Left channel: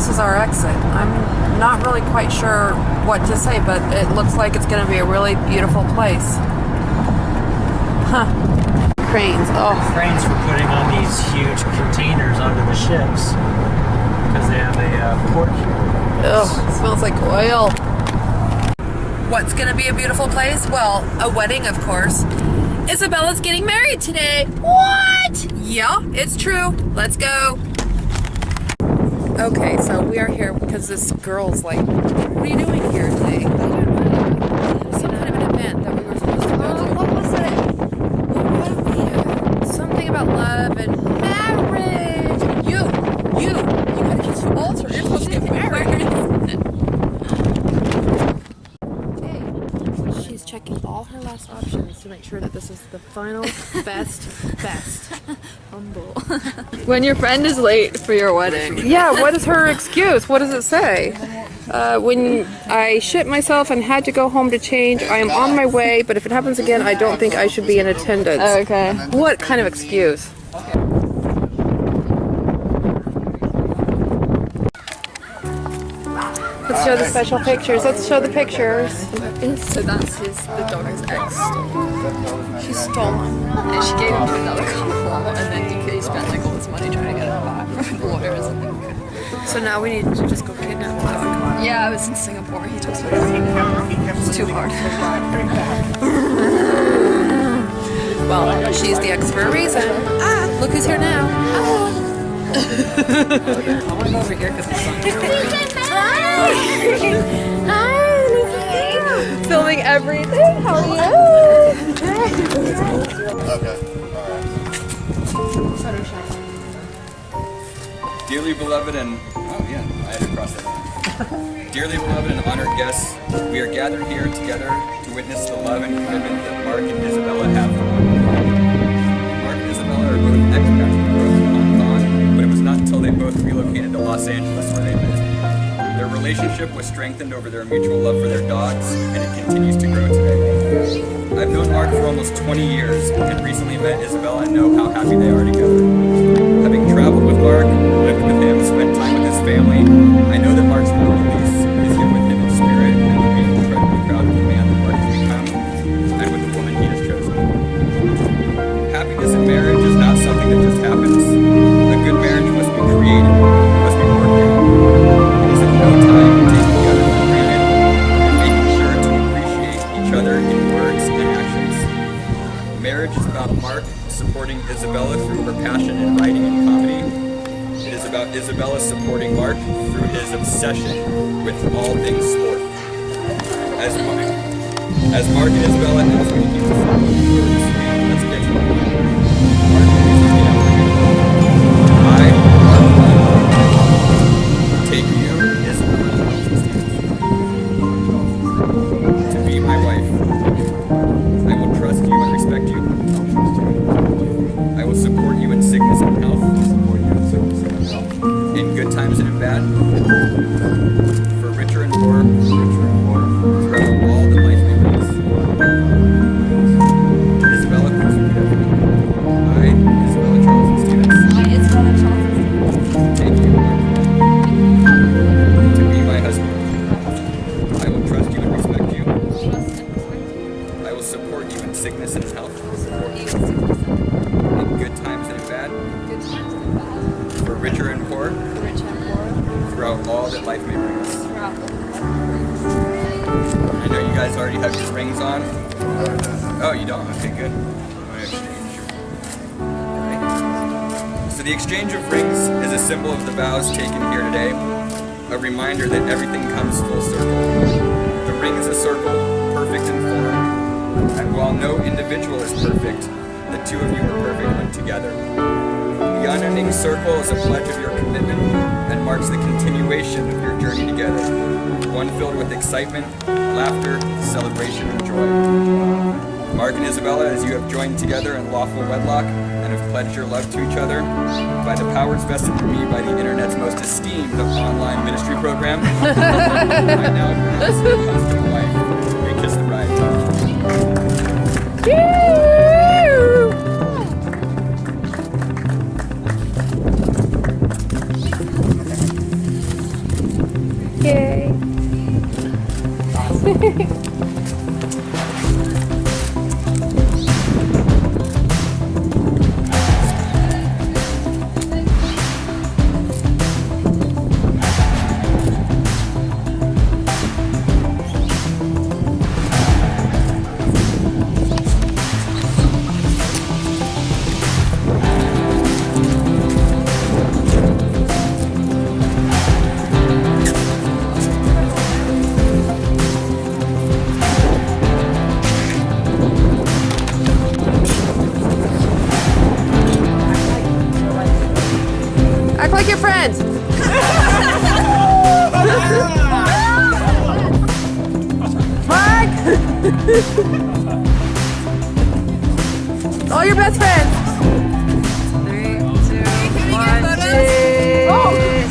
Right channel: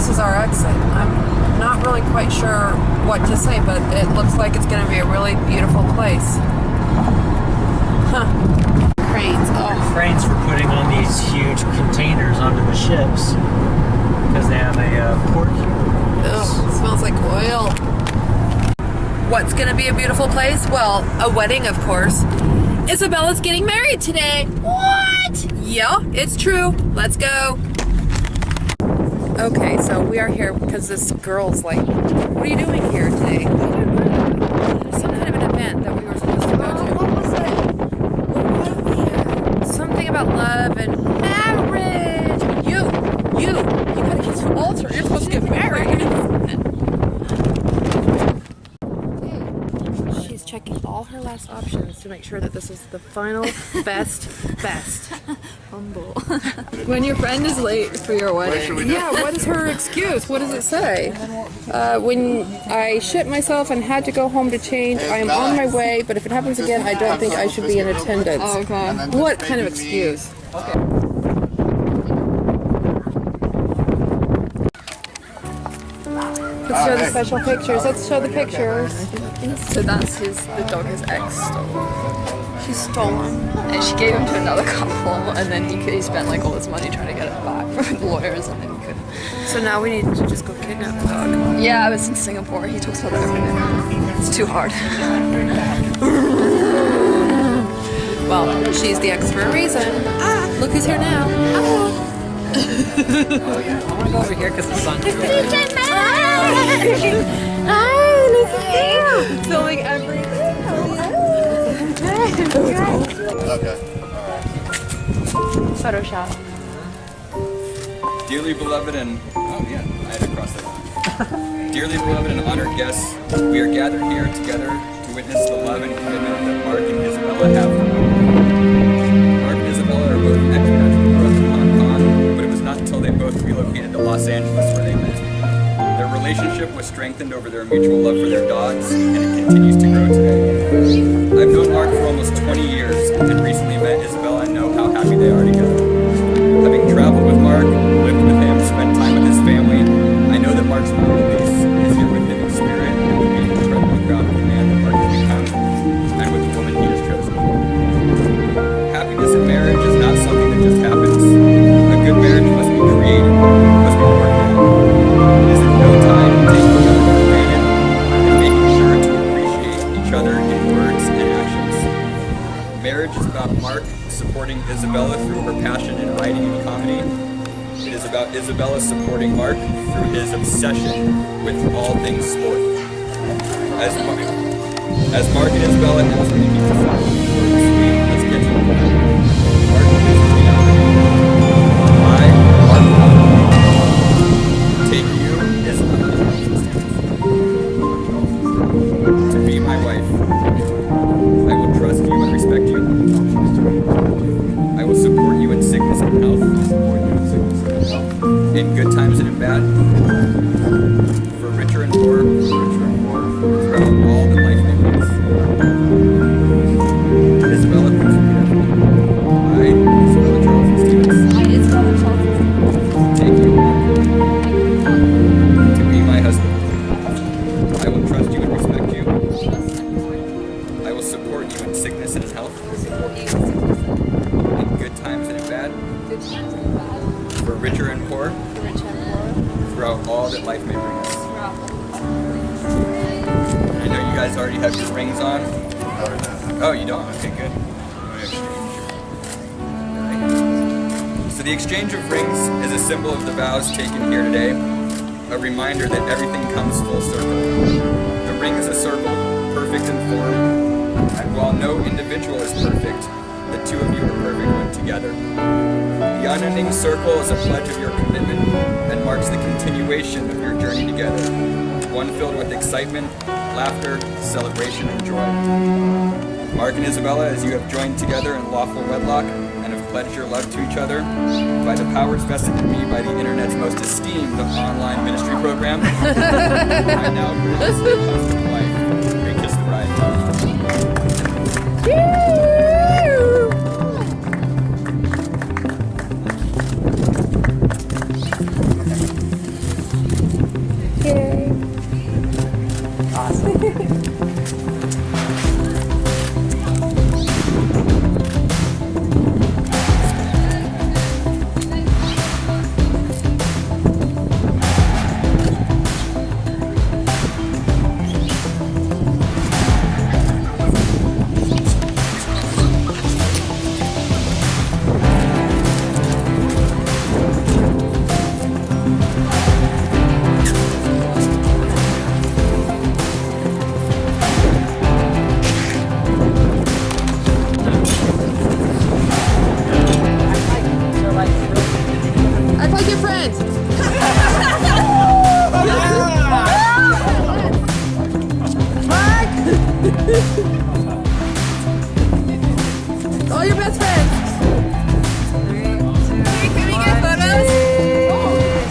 this is our exit. I'm not really quite sure what to say, but it looks like it's going to be a really beautiful place. Huh. Cranes. Oh. Cranes for putting on these huge containers onto the ships because they have a port here. Ugh, it smells like oil. What's going to be a beautiful place? Well, a wedding, of course. Isabella's getting married today. What? Yeah, it's true. Let's go. Okay, so we are here because this girl's like, what are you doing here today? I don't know. There's some kind of an event that we were supposed to go to. What was it? Something about love and marriage. You gotta kiss the altar. You're supposed to get married. She's checking all her last options to make sure that this is the final best. Humble. When your friend is late for your wedding. Yeah, what is her excuse? What does it say? When I shit myself and had to go home to change, I am on my way, but if it happens again, I don't think I should be in attendance. Okay. What kind of excuse? Let's show the special pictures. Let's show the pictures. So that's the dog his ex stole. She stole him. And she gave him to another couple, and then he spent like all this money trying to get it back from lawyers, and then he couldn't. So now we need to just go kidnap the dog. Yeah, I was in Singapore. He talks about it every day. It's too hard. Well, she's the ex for a reason. Ah, look who's here now. Ah. I want to go over here because the sun's Hi, Hi, filming everything. How are you? Okay, alright. Photo shot. Dearly beloved and... Oh yeah, I had to cross that out. Dearly beloved and honored guests, we are gathered here together to witness the love and commitment that Mark and Isabella have for one another. Mark and Isabella are both expats who grew up in Hong Kong, but it was not until they both relocated to Los Angeles where they met. Their relationship was strengthened over their mutual love for their dogs, and it continues to grow today. I've known Mark for almost 20 years and recently met Isabella and know how happy they are together. Having traveled with Mark, lived with him, spent time with his family, I know that Mark's mom Elise is here with him in spirit and would be incredibly proud of the man that Mark has become and with the woman he has chosen. Happiness in marriage is not something that just happens. A good marriage must be created, must be worked at. It is at no time taking the other for granted and making sure to appreciate each other in words and actions. Marriage is about Mark supporting Isabella through her passion in writing and comedy. It is about Isabella supporting Mark through his obsession with all things sport. As Mark and Isabella ask me to keep this ceremony short and sweet, let's get to the point. Mark, please repeat after me. I, Mark One, take you, Isabella Charles, to be my wife. I will trust you and respect you. I will support you in sickness and health. In good times and in bad. For richer and poor. Throughout all that life may bring us. Isabella, please repeat after me. I, Isabella Charles and Stevens. I, Isabella Charles and Stevens. Take you, to be my husband. I will trust you and respect you. I will support you in sickness and in health. In good times and in bad. For richer and poor. Throughout all that life may bring us. I know you guys already have your rings on. Oh, you don't? Okay, good. Alright. So the exchange of rings is a symbol of the vows taken here today. A reminder that everything comes full circle. The ring is a circle, perfect in form. And while no individual is perfect, the two of you are perfect when together. The unending circle is a pledge of your commitment and marks the continuation of your journey together, one filled with excitement, laughter, celebration, and joy. Mark and Isabella, as you have joined together in lawful wedlock and have pledged your love to each other, by the powers vested in me by the internet's most esteemed online ministry program, I now pronounce you husband wife. May kiss the bride. Act like your friends. Mark! All your best friends. 3, 2, 1, cheese.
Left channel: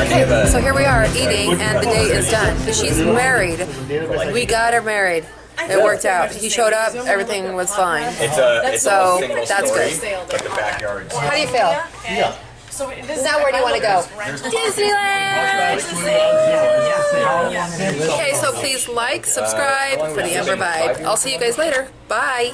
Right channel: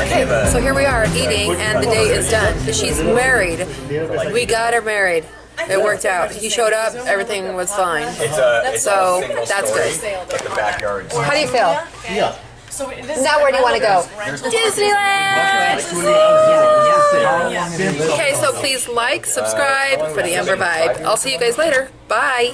Okay, so here we are eating, and the day is done. She's married. We got her married. It worked out. He showed up. Everything was fine. It's So, a single that's story, good. but the backyard's How do you feel? Yeah. Now where do you want to go? Disneyland! Okay, so please like, subscribe for the Ember Vibe. I'll see you guys later. Bye!